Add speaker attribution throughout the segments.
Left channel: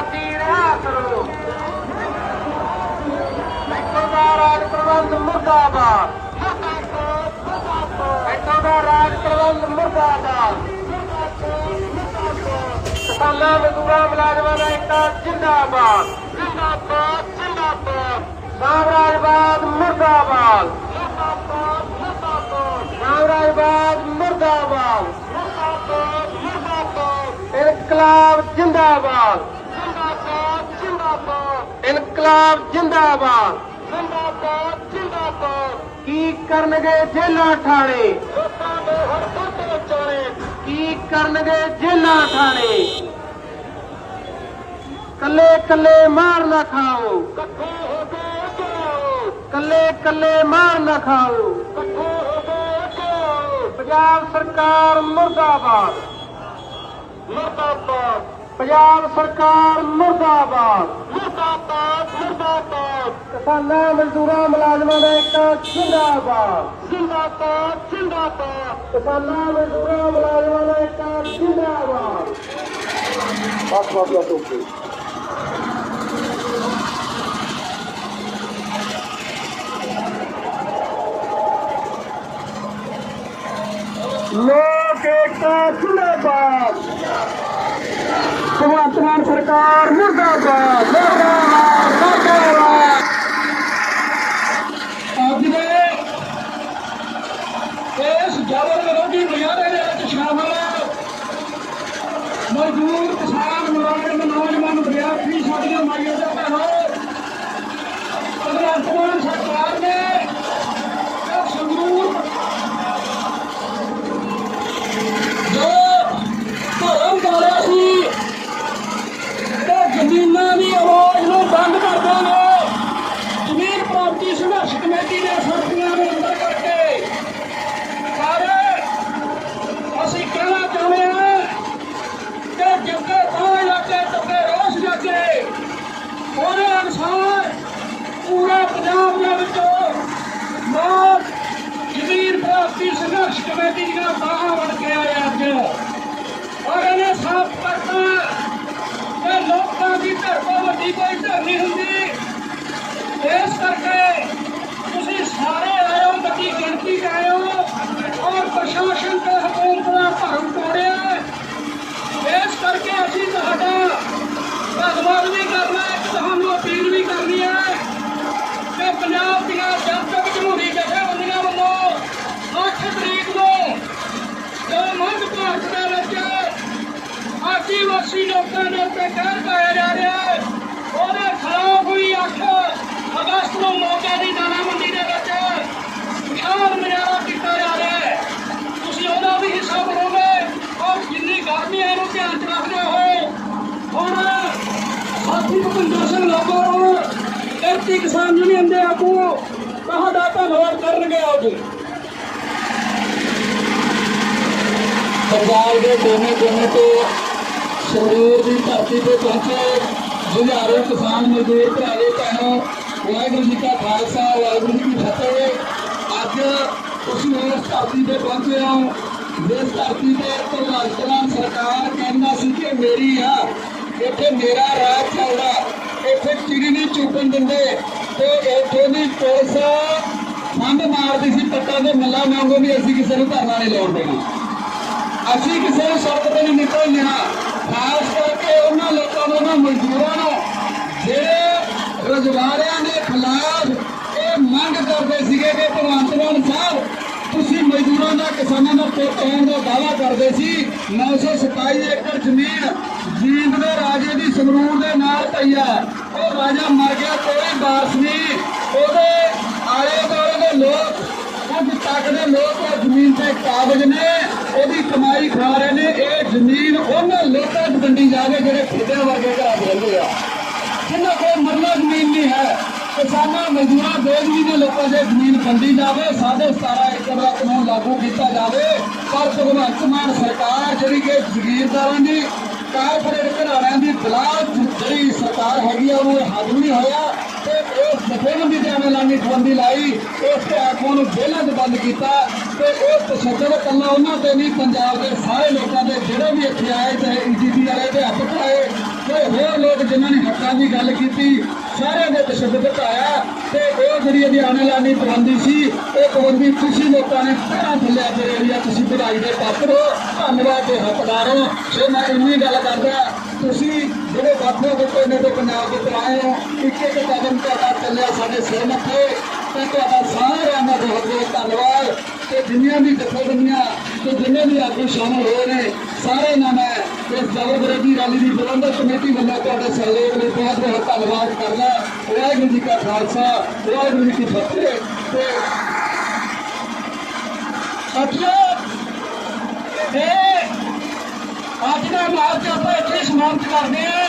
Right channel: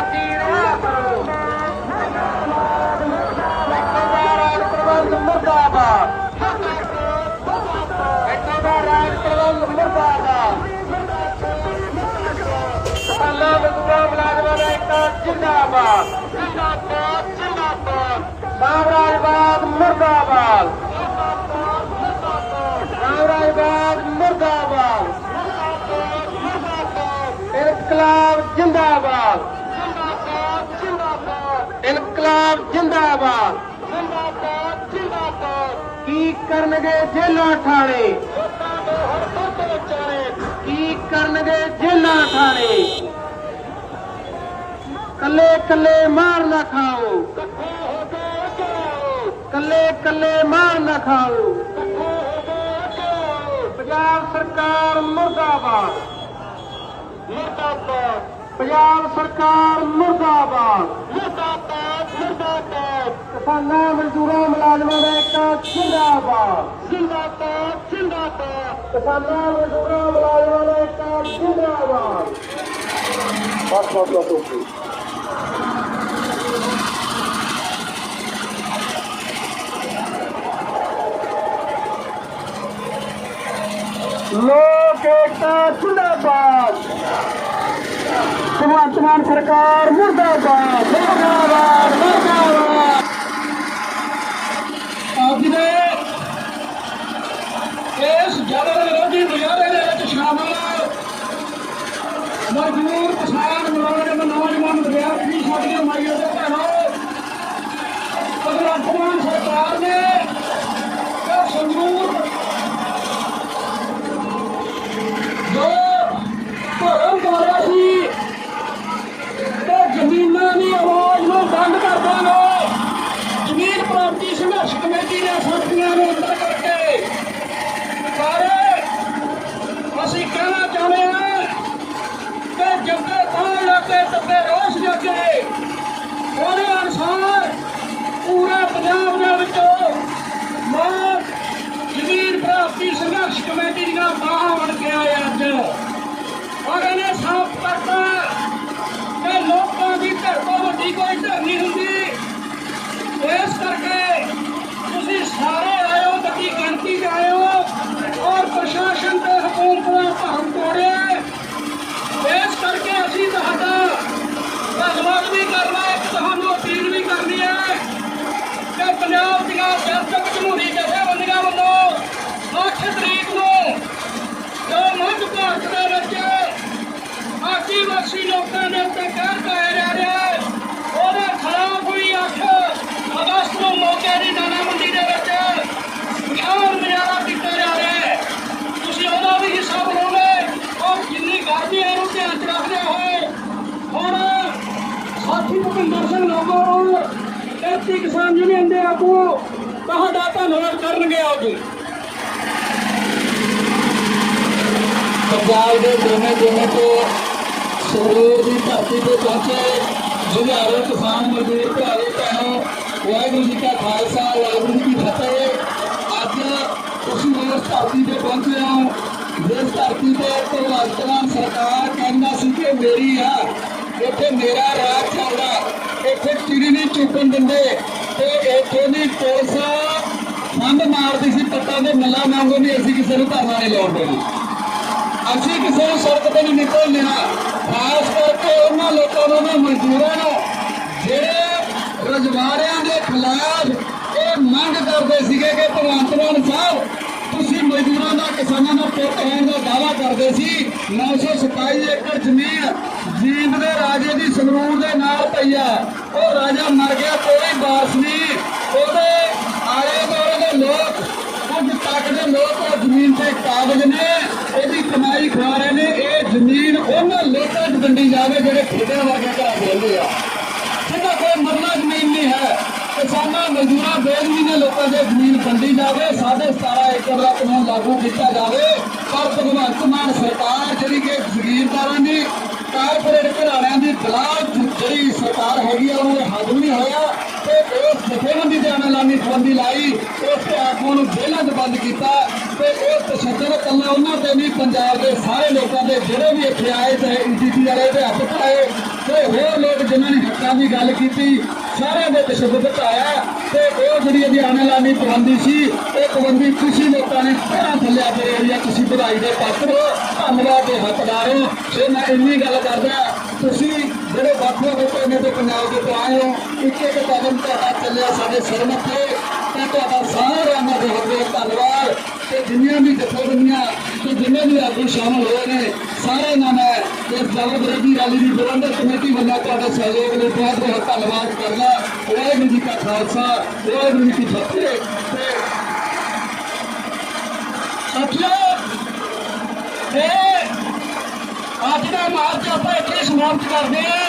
Speaker 1: ਸਾਥੀ ਰਿਹਾ ਕਰੋ ਇੱਥੋਂ ਦਾ ਰਾਜ ਪ੍ਰਬੰਧ ਮੁਰਦਾਬਾਦ। ਇੱਥੋਂ ਦਾ ਰਾਜ ਪ੍ਰਬੰਧ ਮੁਰਦਾਬਾਦ। ਕਿਸਾਨਾਂ ਮਜ਼ਦੂਰਾਂ ਮੁਲਾਜ਼ਮਾਂ ਦਾ ਇੱਕ ਜਿੰਦਾਬਾਦ। ਜਿੰਦਾਬਾਦ ਜਿੰਦਾਬਾਦ। ਸਾਮਰਾਜਵਾਦ ਮੁਰਦਾਬਾਦ। ਸਾਮਰਾਜਵਾਦ ਮੁਰਦਾਬਾਦ। ਇਨਕਲਾਬ ਜਿੰਦਾਬਾਦ। ਇਨਕਲਾਬ ਜਿੰਦਾਬਾਦ। ਜਿੰਦਾਬਾਦ ਜਿੰਦਾਬਾਦ। ਕੀ ਕਰਨਗੇ ਜੇਲਾਂ ਠਾਣੇ ਲੋਕਾਂ ਦੇ ਹਰ ਤੋਂ ਵਿਚਾਰੇ। ਕੀ ਕਰਨਗੇ ਜੇਲਾਂ ਠਾਣੇ ਕੱਲੇ ਕੱਲੇ ਮਾਰ ਨਾ ਖਾਓ। ਇਕੱਠੇ ਹੋ ਕੇ ਆਓ ਕੱਲੇ ਕੱਲੇ ਮਾਰ ਨਾ ਖਾਓ। ਇਕੱਠੇ ਹੋ ਕੇ ਆਓ ਪੰਜਾਬ ਸਰਕਾਰ ਮੁਰਦਾਬਾਦ। ਮੁਰਦਾਬਾਦ। ਪੰਜਾਬ ਸਰਕਾਰ ਮੁਰਦਾਬਾਦ। ਮੁਰਦਾਬਾਦ ਮੁਰਦਾਬਾਦ। ਕਿਸਾਨਾਂ ਮਜ਼ਦੂਰਾਂ ਮੁਲਾਜ਼ਮਾਂ ਦਾ ਇੱਕ ਜਿੰਦਾਬਾਦ। ਜਿੰਦਾਬਾਦ ਜਿੰਦਾਬਾਦ। ਕਿਸਾਨਾਂ ਮਜ਼ਦੂਰਾਂ ਮੁਲਾਜ਼ਮਾਂ ਦਾ ਇੱਕ ਜਿੰਦਾਬਾਦ। ਬਸ ਬਸ ਬਸ ਓਕੇ ਲੋਕ ਏਕਤਾ ਜਿੰਦਾਬਾਦ ਭਗਵੰਤ ਮਾਨ ਸਰਕਾਰ ਮੁਰਦਾਬਾਦ ਮੁਰਦਾਬਾਦ ਮੁਰਦਾਬਾਦ
Speaker 2: ਅੱਜ ਦੇ ਇਸ ਜਬਰ ਵਿਰੋਧੀ ਮੁਜ਼ਾਹਰੇ ਦੇ ਵਿੱਚ ਸ਼ਾਮਲ ਮਜ਼ਦੂਰ ਕਿਸਾਨ ਮੁਲਾਜ਼ਮ ਨੌਜਵਾਨ ਵਿਦਿਆਰਥੀ ਸਾਡੀਆਂ ਮਾਈਆਂ ਦੇ ਭੈਣੋ ਭਗਵੰਤ ਸਰਕਾਰ ਨੇ ਧੰਨਵਾਦ ਕਰਨਗੇ ਅੱਜ
Speaker 3: ਪੰਜਾਬ ਦੇ ਦੋਨੇ ਦੋਨੇ ਤੋਂ ਸੰਗਰੂਰ ਦੀ ਧਰਤੀ ਤੇ ਪਹੁੰਚੇ ਜ਼ਿਲ੍ਹਾਰੇ ਕਿਸਾਨ ਮਜ਼ਦੂਰ ਭਰਾਵੇ, ਭੈਣੋ, ਵਾਹਿਗੁਰੂ ਜੀ ਕਾ ਖਾਲਸਾ, ਵਾਹਿਗੁਰੂ ਜੀ ਕੀ ਫਤਿਹ। ਅੱਜ ਤੁਸੀਂ ਇਸ ਧਰਤੀ ਤੇ ਪਹੁੰਚੇ ਹੋ। ਜਿਸ ਧਰਤੀ ਤੇ ਭਗਵੰਤ ਮਾਨ ਸਰਕਾਰ ਕਹਿੰਦਾ ਸੀ ਕਿ ਮੇਰੀ ਆ, ਇੱਥੇ ਮੇਰਾ ਰਾਜ ਚੱਲਦਾ, ਇੱਥੇ ਚਿੜੀ ਨਹੀਂ ਚੁੱਕਣ ਦਿੰਦੇ ਤੇ ਇੱਥੇ ਦੀ ਪੁਲਿਸ ਫੰਡ ਮਾਰਦੀ ਸੀ ਟੱਕਾਂ ਦੇ ਮੱਲਾ ਵਾਂਗੂ ਵੀ ਅਸੀਂ ਕਿਸੇ ਨੂੰ ਧਰਨਾ ਨਹੀਂ ਲਾਉਣ ਦੇਣਾ। ਅਸੀਂ ਕਿਸੇ ਨੂੰ ਸੜਕ ਤੇ ਨਹੀਂ ਨਿਕਲਣਾ ਖਾਸ ਕਰਕੇ ਉਹਨਾਂ ਲੋਕਾਂ ਨੂੰ ਨਾ, ਮਜ਼ਦੂਰਾਂ ਨੂੰ, ਜਿਹੜੇ ਰੁਜ਼ਗਾਰਿਆਂ ਦੇ ਖਿਲਾਫ ਇਹ ਮੰਗ ਕਰਦੇ ਸੀਗੇ ਕਿ ਭਗਵੰਤ ਮਾਨ ਸਾਹਿਬ, ਤੁਸੀਂ ਮਜ਼ਦੂਰਾਂ ਦਾ, ਕਿਸਾਨਾਂ ਦਾ ਪੁੱਤ ਹੋਣ ਦਾ ਦਾਅਵਾ ਕਰਦੇ ਸੀ। 927 ਏਕੜ ਜ਼ਮੀਨ ਜੀਂਦ ਦੇ ਰਾਜੇ ਦੀ ਸੰਗਰੂਰ ਦੇ ਨਾਲ ਪਈ ਆ। ਮਜ਼ਦੂਰਾਂ ਬੇਜ਼ਮੀ ਦੇ ਲੋਕਾਂ ਦੇ ਜ਼ਮੀਨ ਵੰਡੀ ਜਾਵੇ ਸਾਡੇ 17 ਏਕੜ ਦਾ ਕਾਨੂੰਨ ਲਾਗੂ ਕੀਤਾ ਜਾਵੇ, ਪਰ ਭਗਵੰਤ ਮਾਨ ਸਰਕਾਰ ਜਿਹੜੀ ਕਿ ਜ਼ਗੀਰਦਾਰਾਂ ਦੀ, ਕਾਰਪੋਰੇਟ ਘਰਾਣਿਆਂ ਦੀ ਖਿਲਾਫ ਜਿਹੜੀ ਸਰਕਾਰ ਹੈਗੀ ਆ ਉਹਨੂੰ ਹੱਲ ਨਹੀਂ ਹੋਇਆ ਤੇ ਇਸ ਜਥੇਬੰਦੀ ਦੇ ਐਲਾਨੀ ਪਾਬੰਦੀ ਲਾਈ, ਉਸ ਤੇ ਆਗੂਆਂ ਨੂੰ ਜੇਲ੍ਹਾਂ 'ਚ ਬੰਦ ਕੀਤਾ ਤੇ ਇਹ ਤਸ਼ੱਦਦ ਕੱਲਾ ਉਹਨਾਂ ਤੇ ਨਹੀਂ, ਪੰਜਾਬ ਦੇ ਸਾਰੇ ਲੋਕਾਂ ਦੇ ਜਿਹੜੇ ਵੀ ਇੱਥੇ ਆਏ ਤੇ ਈਟੀਟੀ ਵਾਲੇ ਦੇ ਹੱਥ ਪਾਏ ਤੇ ਹੋਰ ਲੋਕ ਜਿਨ੍ਹਾਂ ਨੇ ਹੱਕਾਂ ਦੀ ਗੱਲ ਕੀਤੀ ਸਾਰਿਆਂ ਦੇ ਤਸ਼ੱਦਦ ਘਟਾਇਆ ਤੇ ਉਹ ਜਿਹੜੀ ਇਹਦੀ ਆਣੇ ਲਾਣੀ ਪਾਬੰਦੀ ਸੀ, ਇਹ ਪਾਬੰਦੀ ਤੁਸੀਂ ਲੋਕਾਂ ਨੇ ਪਹਿਲਾਂ ਥੱਲਿਆ ਤੇ ਏਰੀਆ ਤੁਸੀਂ ਵਧਾਈ ਦੇ ਪਾਤਰ ਹੋ, ਧੰਨਵਾਦ ਦੇ ਹੱਕਦਾਰ ਹੋ। ਤੇ ਮੈਂ ਇੰਨੀ ਗੱਲ ਕਰਦਾ, ਤੁਸੀਂ ਜਿਹੜੇ ਬਾਪੂ ਹੋਤੇ ਨੇ ਤੇ ਪੰਜਾਬ ਦੇ ਤੇ ਆਏ ਹੋ ਇੱਕ ਇੱਕ ਕਦਮ ਤੁਹਾਡਾ ਚੱਲਿਆ ਸਾਡੇ ਸਿਰ ਮੱਥੇ। ਤੇ ਤੁਹਾਡਾ ਸਾਰਿਆਂ ਦਾ ਬਹੁਤ ਬਹੁਤ ਧੰਨਵਾਦ। ਤੇ ਜਿੰਨੀਆਂ ਵੀ ਜਥੇਬੰਦੀਆਂ ਤੇ ਜਿੰਨੇ ਵੀ ਆਗੂ ਸ਼ਾਮਲ ਹੋਏ ਨੇ ਇਸ ਜਬਰਦਸਤੀ ਰੈਲੀ ਦੀ ਪ੍ਰਬੰਧਕ ਕਮੇਟੀ ਵੱਲੋਂ ਤੁਹਾਡੇ ਸਹਿਯੋਗ ਲਈ ਬਹੁਤ ਬਹੁਤ ਧੰਨਵਾਦ ਕਰਦਾ ਵਾਹਿਗੁਰੂ ਜੀ ਕਾ ਖਾਲਸਾ, ਵਾਹਿਗੁਰੂ ਜੀ ਕੀ ਫਤਿਹ। ਤੇ
Speaker 2: ਸਾਥੀਓ ਇਹ ਅੱਜ ਦਾ ਮਾਰਚ ਆਪਾਂ ਇੱਥੇ ਸਮਾਪਤ ਕਰਦੇ ਹਾਂ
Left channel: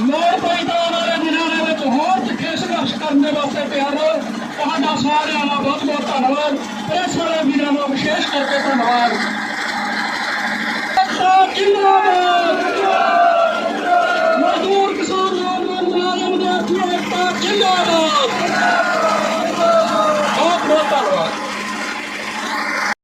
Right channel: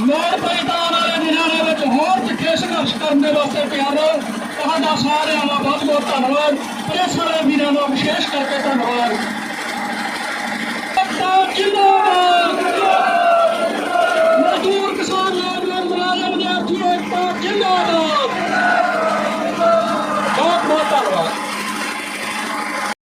Speaker 2: ਲੋੜ ਪਈ ਤਾਂ ਆਉਣ ਵਾਲੇ ਦਿਨਾਂ ਦੇ ਵਿੱਚ ਹੋਰ ਤਿੱਖੇ ਸੰਘਰਸ਼ ਕਰਨ ਦੇ ਵਾਸਤੇ ਤਿਆਰ ਰਹੋ ਤੁਹਾਡਾ ਸਾਰਿਆਂ ਦਾ ਬਹੁਤ ਬਹੁਤ ਧੰਨਵਾਦ ਪ੍ਰੈਸ ਵਾਲੇ ਵੀਰਾਂ ਦਾ ਵਿਸ਼ੇਸ਼ ਕਰਕੇ ਧੰਨਵਾਦ।